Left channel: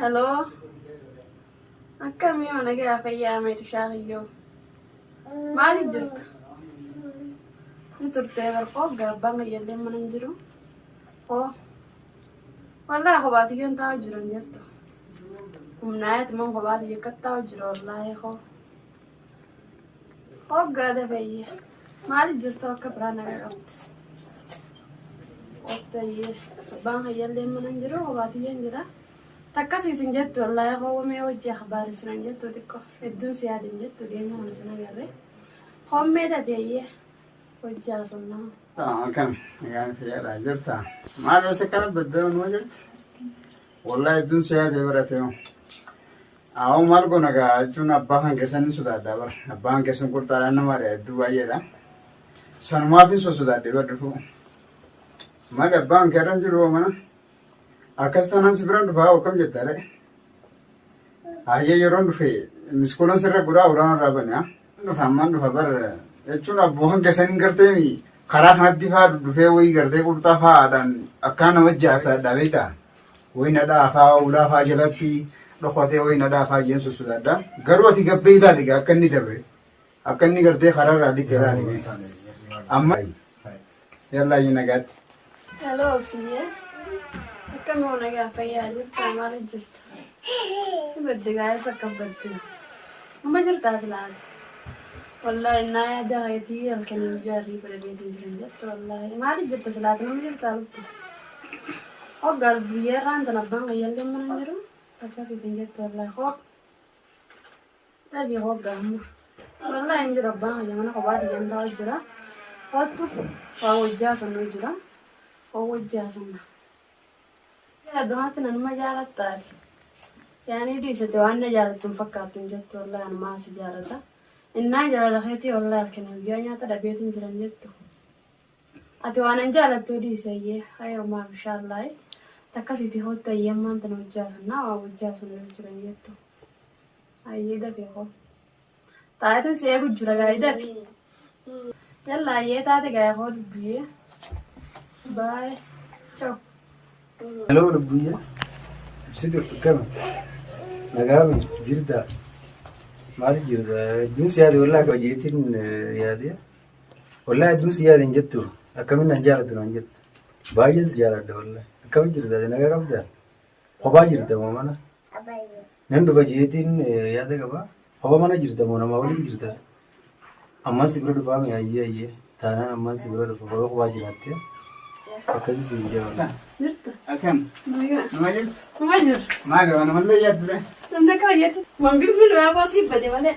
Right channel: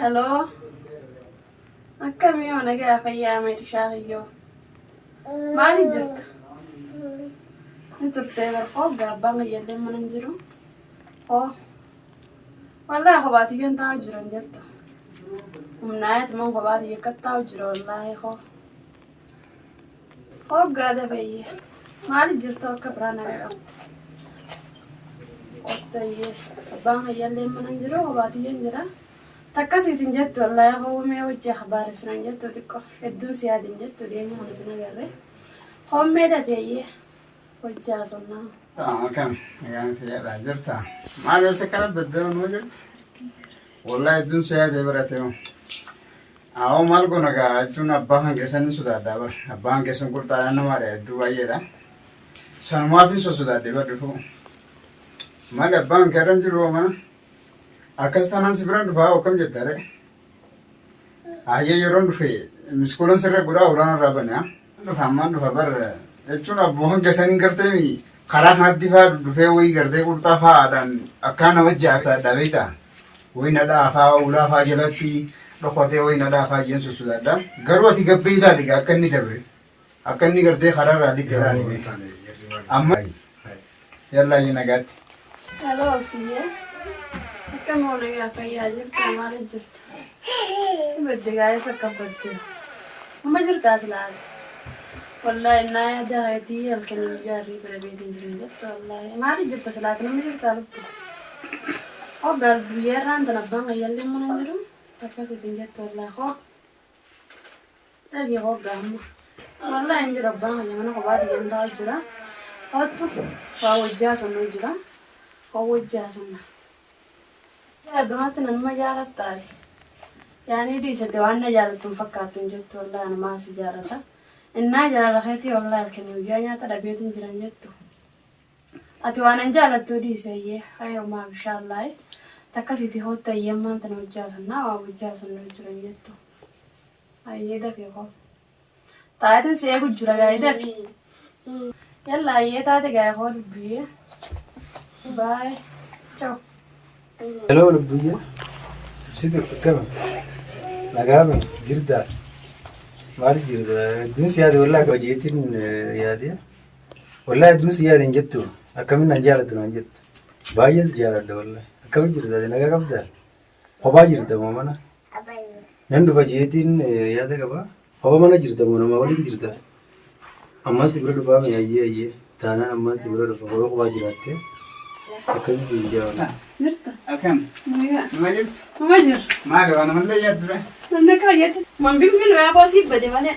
Hello. Akkami yoo nagaa fayyaa meeshaa hiyyoo. Maali jirta? Ni turtee barfoo gabbaan yallee mana hin jiru. Oh. Wallahi kophaatiyyoon taa'u jiran jettu. Humnaayat man kophaatiyyo akka taa'u jira wallahi hoo. Hoggaadha fayyee. Maali jirta akka biraa nagaa qabdi? Ottayyee. Abbaan yallee mana hin jiru kophaatiyyoon jira. Takkasiitiin jettu wallahi hoomee hojii akhbaarisinan jettu xiqqoo hedduu siyaadin jettu deema kana sin agarre hoomee dafeeyyee hojii haasofnaa. Akkam ayaan fayyadhaa jirta. Maal isa kana beddeeman moo jirti? Wallahi hedduun siyaadee barate moo. Awoo maal goona gaa jechuun abbaa kan keessan hin sodaadhaa bara. Abbaan keessan qurxaadhaan namaadha hedduu baay'eedha. Sanumaaf hin sodaadhee badhufu. Maal abbaan keerran jiru mana? Akkas taanaan si biraan dhufaa akkam jettaare? Hayyee yeroon dhufe miskoolan sirra godhaa olaanoo irraa bane haa? Dhufa ammaan dhufa bara jechuun abboohan keessanii gartee karaa kanatti faa dhufee wayii gartee qurxaa fa'aadhaan akkaan nama jaafataadhaa beektaa? Wayii nadhaa faa ulaa faa jalatti dhokatee wayii nadhaa faa jeen sosodaadhaa. Garuu ati gabbee ilaali gaa akka inni dabre akka inni gartee karaarraa dhiggeraa dhibee. Amma yallaa yi nagaatti. Hello obsiyyee. Akkami yoo nagaa fayyaa jirta maali jirta? Badde gaa'eessa akka badde. Amma jirtaas laala. Wallahi naa jaheetii halkanii jaarrii fedha beetiin jiran jettu wallahi. Maali jirta silaati namni jirtaa lubbu? Hoggaa guyyaa irraan tan abbaan qayyallee mana hin jiru. Akkasiitiin jettu wallahi hoo. Dhabii hoggaa amma. Wallahi hin jiru abbaan qayya mana kophaati gandaa jira. Hoottu waa wajjaa sonnoo jira. Hoo wajjaa sonna. Addumatti nanuma jaalattaati. Yaani dhiisate waan na jaalattu hin fakkaattu jettu wallahi anumaa si jaalata. Innaa jaalalakeetii wallahi halkanii guyyaa nyaata dhabeetiin jiran jettu. Ati waan an jaalattuu dhiiseyyee hayrumaa bishaallahi. Takkasiitii hoottu ayyeemmaan tana hojjaa sonnaa waa hojjaa sonnoo jiran jettu. Ayyee dafee koo. Taayatiin si eegu jira gaa'ee dafi. Yalla ayyee taate gaa'ee koo dubbiyyee. Bye. Ciao. Hello lubbuyyee. Ibsitu akkami? Nagaame jirtaa? Maal jirta? Hedduun si yaade wallahi hojiitiin yaade. Wallahi hedduun si yaade hin jettu. Akkamiin naan jaallattu naan jettu. Baay'een si jaalladha wallahi. Akkamiin jirta? Nagaa qabdaa? Kophaa jirta moo mana? Nan dhufa jeetiin yaada qabaa? Kophaa mana jirta moo nama waliin jirta? Ammaan si bira dhufaa mi ayyee. Taanaan ammaan si bira dhufa kophaa jiraattee. Akkasii si hin jaawalla. Jirta? Akkam? Nama jirta? Nama jirta? Maali waan mallee yaaddu dha? Namni kaayyate. Mambiin waa boosii bade malee.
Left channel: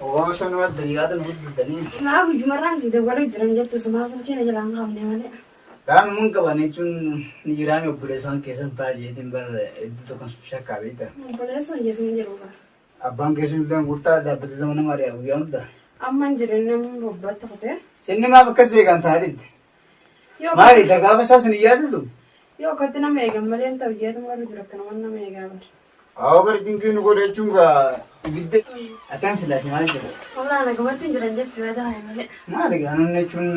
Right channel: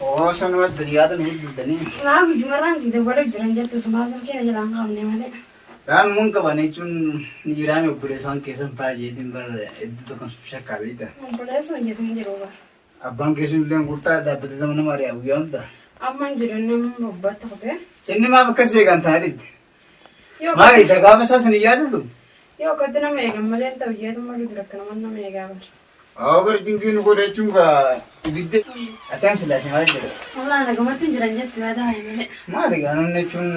Oo sanuma dariyaata nu guddanii. Maa guyyumarraan si dawwala jiran jettu sumaa sana keenya jalaan qabne malee. Kaan mun qaban jechuun ni jiraame obboleessaan keessan baay'eetiin bara hedduu tokko shakkaa beekta. Obboleessa hojjetan jiru bara. Abbaan keessan illee gurtaa dhaabbatee nama nama ari'aa guyyaa hundaa. Amma jiru namni bobbaatti kutee. Sinni maaf akkas beekan taa'edha? Maali dagaama isaa sin yaadatu? Yoo kotti nama eegan malee ta'u jeetuma dura akka nama eegaa bara. Awwa bar dingiin godhachuun gaa ibidde akkam silaati maal jedha? Walaa nagamatti jiran jettu yaada malee. Maali gaa namni jechuun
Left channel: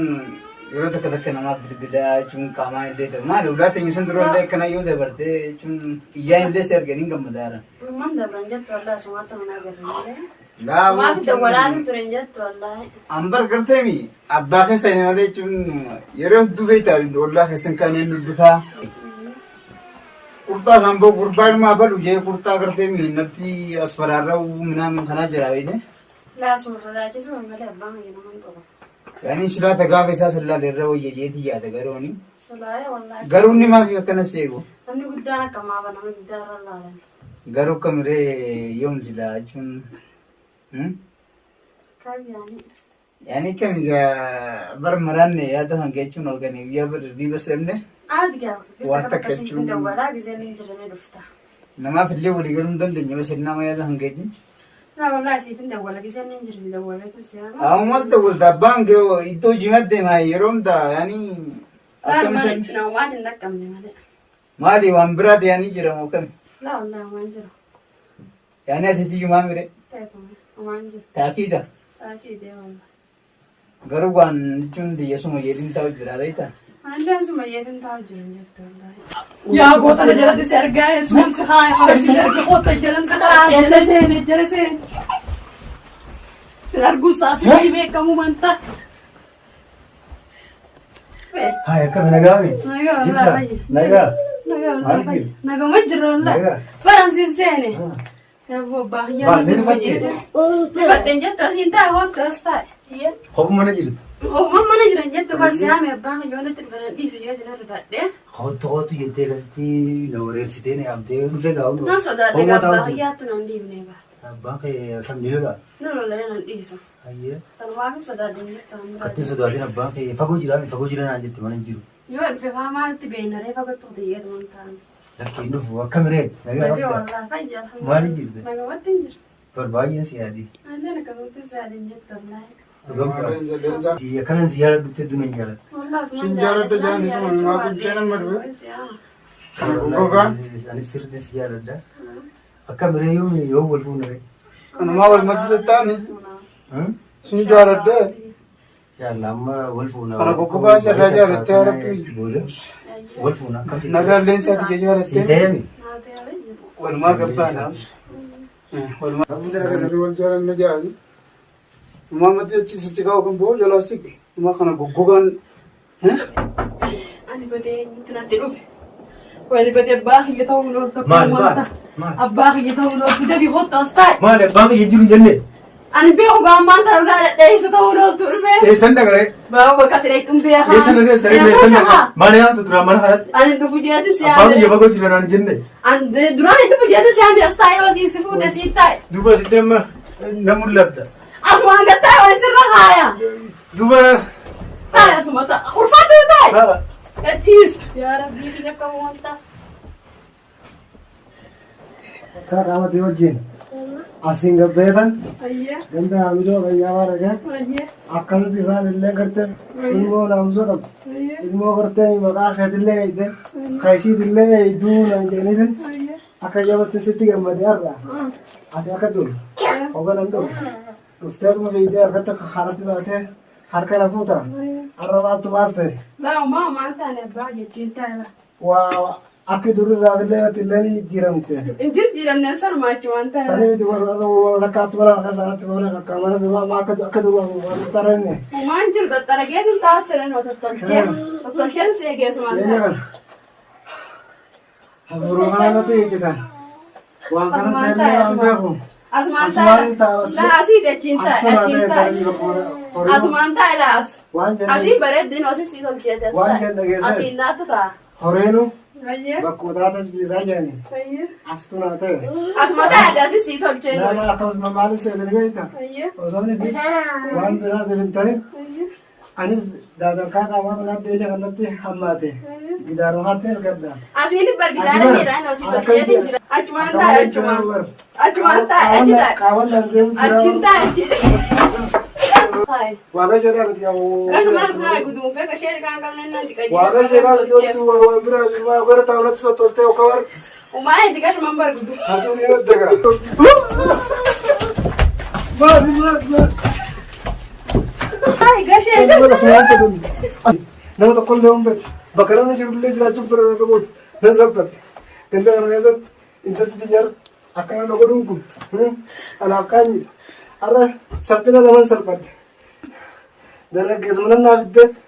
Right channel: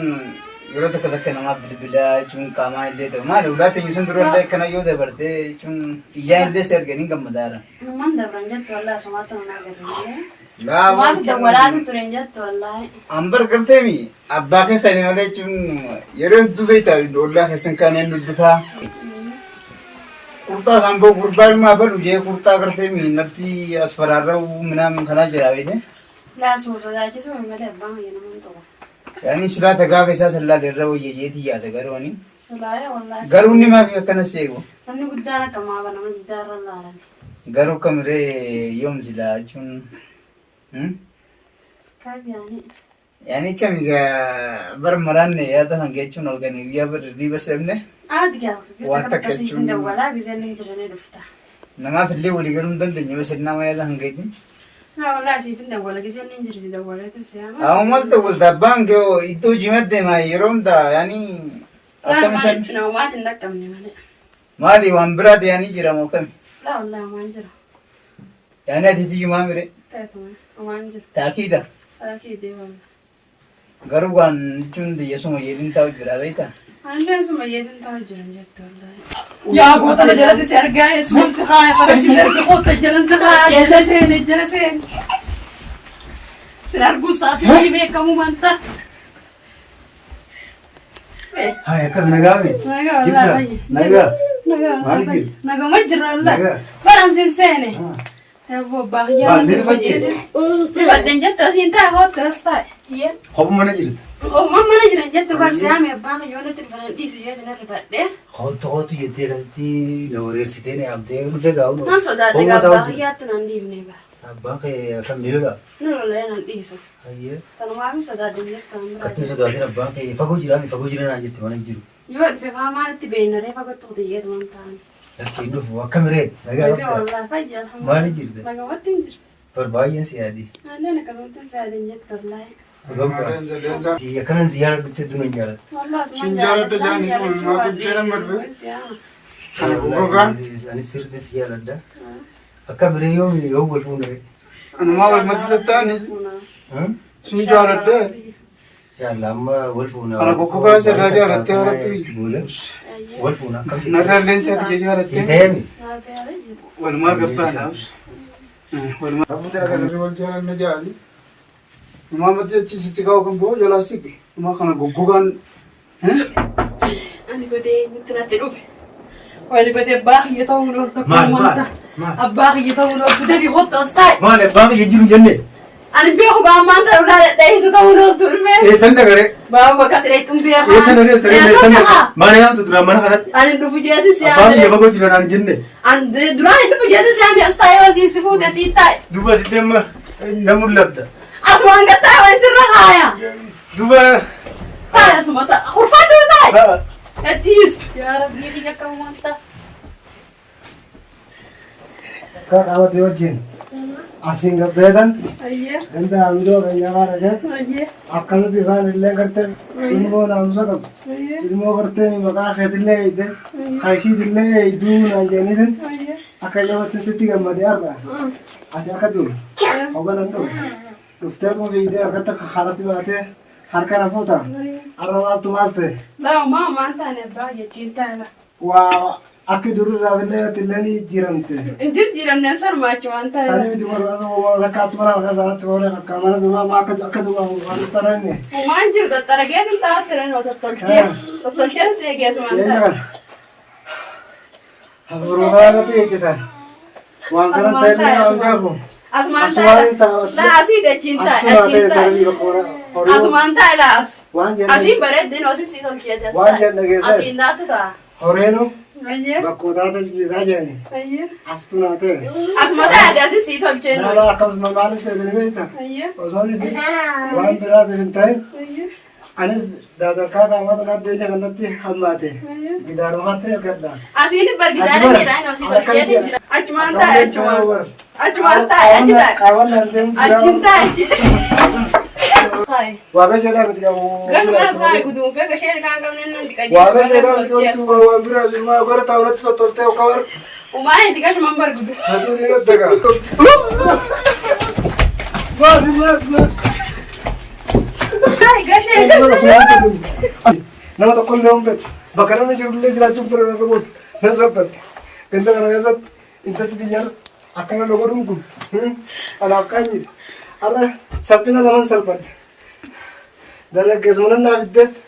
yeroo takka takka namaaf bilbilaa jechuun qaamaa illee ta'u maali ulaa teenya sun dura illee akkana yoo dabartee jechuun iyyaan illee si arganii gammadaara. Numaan dabran jettu walaa sumaatti nama agarre. Laa waan dawwalaatti turan jettu wallahi. Ambar garteemi abbaa keessanii malee jechuun yeroo hedduu beektaa ollaa keessan kanneen dubbifaa. Kurtaa samboo gurbaan maa balu jee kurtaa garteemi natti asfaraarraa minaan kanaa jira beekte. Laasuma sodaachisu malee abbaan hojii nama hin qabu. Yaani silaa gaafa isaa sallaa irra wayyajeetii yaada garooni. Solaayee wallahi. Garuu inni maaf akkana seegu? Namni guddaan akkamaa bara namni guddaa irra laalan. Garuu kamiree yoom silaa jechuun. Kabiyaani. Yaani kamigaa bar maraan yaada hanga jechuun arganii guyyaa bar riibas dhabne. Aadi gaafa. Waan takka jechuun. Dawwalaa giseen hin jiranii dhufta. Namaaf illee walii galuu hin dandeenye bas nama yaada hanga jechuun. Naa wallahi siif hin dawwala giseen hin jirti dawwalee tasiyaama. Awwaal dawwalta abbaan kee iddoo jimadde maa yeroo hundaa yaani akkam isaan. Namoota hin dhaqqabne malee. Maali waan biraa ta'anii jira moo kami? Laa wallahi waan jira. Yaani ati tiyyumaa mire. Ta'e waan jira. Taakiidha. Taakii deemaa. Garuu waan jechuun xiyyeessuma yeedin taa'u jira beektaa? Andan sama yetin tahu jalan jatuh. Yaa gootana jalatti si argaa yesuun si kaaya qabatti erga goota jalan si kaaya jala seene. Sin arguun saasii beekamu manta. Hai, akkam nagaa mi? Nagaa Jirta? walaa bayyi. Nagaa? Nagaa Maal walaa bayyi. jiru? Nagaa ma jirra walaa. Nagaa? Baran sin seene. Eeboo baay'ee Baal, nama ni fayyade. Rifadden jettu asiin taa'e hoottu as taa'e. Yee. Kophu mana jirta? Mana jiran jettu barsiyaame abbaan yoo natti dhufan dhiisu jeetu na rifadhe. Hootu jettee asitti na wareersitee na yaamtee dhufee gaa'u. Nan sodaadhe gaabbaa hiyyaattu nan dhiifne bara. Abbaan kee akkam ni lola? Nu lolee nan dhiisu. Hayyee. Kanumaaf sodaadhe jettu an Kattiin sodaatiin abbaan kee fagoo jira naan jette mana hin jiru. yoo dhufe faa maalitti beennaree fagottu xiyyeetu waan ta'an. Lakkiin dhufu akka mireeti. Nagaa Nagaa bakka. walaa fayyaa. Maali jirte? Nagaa wattiin jira. Baay'een si yaadi. Anneen akkasumatti saadin jettu wallaahi. Akkanan ziyaara dhuftee duna hin jaalatu. Wallah asuma Sin jaaladha jaanis maa gujjara marbe. Anis sirriitti si jaaladha. Akka miree yoo wal fuunare. Anumaa wal madda ta'anis sin jaaladha. Yaalla amma wal fuuna. Kana goggogaa sirraa jaalattee haratti wal fuuna akkam narraallee isaati si jaalattee ta'eemi. walumaa gabbaadhaaf. Walumaa abbootiin akkasirri wal jaalanna jaali. Umaa madda achiisitti gaa'u kan bo'oo jalaa siqe. Umaa kana goggogaan. Ani godee nuti natti dhufe. Wali godee abbaa kiyya ta'uu dhoofta. Maal? Abbaa kiyya ta'uu dhooftu dabii hotta as taa'e. Maal abbaa kiyya jiru jenne? Ani beeku gaammaan ta'uu dhaadheessu ta'uu dhooftu dhufe. Eessan dhagare? Baaba bakka xireettuun beekaa. Eessan dhagare? Maal yaamtu duraan mana kanatti? Ani dhufu jeeti si Abbaan kiyya fagoo jira naan jenne. Ani duraan dhufu jeeti si as taa'e yoo si fuute si taa'e. Duuba sitti amma na mul'ata. Asumaan gattaa'e wani sirra kaaya. Duuba. Taa'e asuma ta'a. Kurfaatu taa'e. Gachiis. Yaa rabbii xiyya kam wanta. Akka qabatee wajjin asiin gabbeetan Ayyee. danda'a midoo kan nyaabaa dhagee Ayyee. akkasitti isaan illee gartee ilmoo naamusa qabu Ayyee. ilmoo gartee maqaa keetillee eeyde kaayisiitillee eeyduu naan jedhaniitin Ayyee. akka jabatti sitti gammadee argaa ati akka jiru hoganan dhufe dhufteetuma fiidee harkatti akka haratti baatee harka na fuuta har'a maaltu maas ta'e Lama maan taane abbaa jechiin taa'e. waa akka dururraa fillee irratti illee ni jiramte. Jirjiiramneen sarmaachi waan taa'e. Sani miti warra akkaatti mana maqaa isaanitti boona akka mana zumaa akka duwwaa waan taranne. Maan jiru xaxxarageetiin taa'atte nani wa tottolchee. Tottolcheen si eegeessu waan taa'e. Eenyaan hafuuruu kanatti ejjetan waan kana ta'e waan beeku. Asumaan taa'e. Laasii dachiin taa'e. Dachiin taa'e. Asumaan taa'e laas. Waan jenne Asiin bareeddin osii si tolcheete. Waan jenne geesse. Asiin naatu ta'a. horeenu Ayyee. bakkoota jiisaa jedhani Ayyee. astu naa ta'e. Asuma taa'e asii si tolchee. Nama akkasuma maaliif seetanii beekta? Ayyee. Osoo inni waan biraatiif hin ta'in Ayyee. anis daadarkaa qaamata naddeenya kanatti hammaate gidaarumatti ergadha. Asiin bargidaanii miidhaan osii tolcheetiin jira. Achumaan taa'e achumaan. Achumaan taa'e achi taa'e. Qaawwan deemu Achiin taa'e achi. Taa'e. Waaqa jedhaa miti qabu. Gasumas taa'e guduunfee gashee kan qabne nan dhiqayyee. Waaqa jedhaa miti wanti waan biraa jirumaa gara taa'uratti sottoltee akka bar. Umaan itti gashumaan bargudu. Hajuu dhiirri daga. Maali. Taa'e gashee. Nama tokko illee hunfate bakka namni jirullee jiraachuuf ture yoo qabuuti nan salphatte ganda kana keessatti intalli xiyyaara akkana na godhuun kun anaaf kaanyidha har'a salphina naman salphatte dargaggeessa mana naaf iddeetti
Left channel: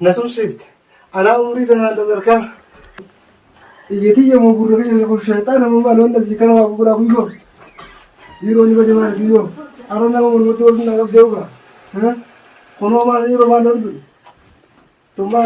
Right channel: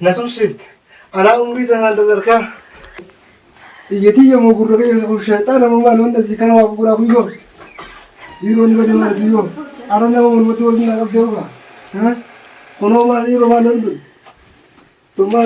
na tumsiifte anaa umrii tanaan dadarkaa iyyatii yemmuu gurra keessa kun shayxaana mamaan wanda si kana waa gurguraa kuyyoo dhiiroo ni bade maal siyyoo ara nama walumatti waliin na qabdee ugaa kunoo maal dhiiroo maal hodhu tummaa